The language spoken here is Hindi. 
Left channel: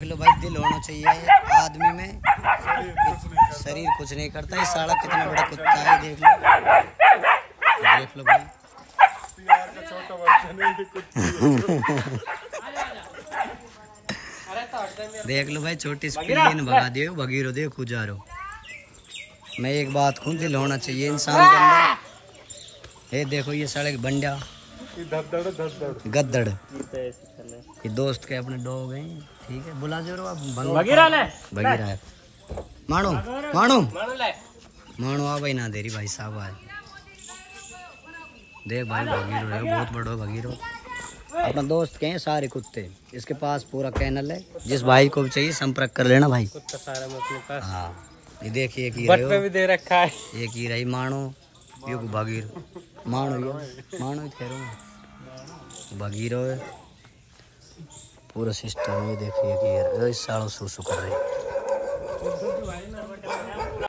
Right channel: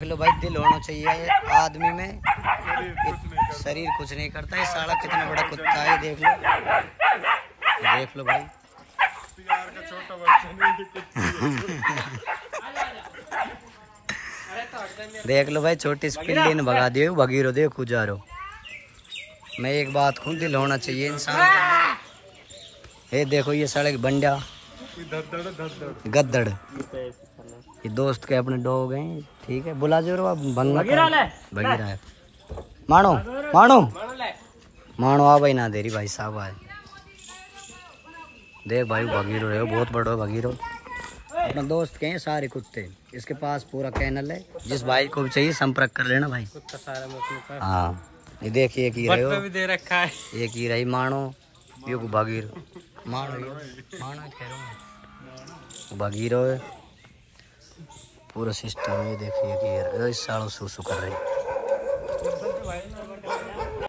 लो भाई, दिल होना चाहिए आदमी में। शरीर कुछ नहीं करता। ये साला कितना बड़ा कुत्ता है, देख लो, देख लो भाई। देख लो भाई, छोटी सी पिल्ली ने भगा दियो, भगीरो देखो जा रहो। मैं एक बात कहूँ, दिल होना चाहिए इंसान के अंदर। ये देखो, ये सड़क बंडा गद्दड़, ये दोस्त के अपने डॉग हैं, ठीक है। बुला जो भगीरा है। मानो मानो मानो आ भाई, ना देरी भाई साहब आए। देख भाई, भगीरो है, बहुत बड़ा भगीरो। अपना दोस्त के हैं सारे कुत्ते, इसके पास पूरा कैनल है। जिस भाई को भी चाहिए संपर्क कर लेना भाई। कुत्ता सारा अपने पास। हाँ, ये देखिए, एक ही रही भी दे रखा है, एक ही रही मानो, ये भगीरो मानो कह रहा हूँ, भगीरो है। पूरा सिस्टम ये देखिए कि इस सालों सुसु कर रही।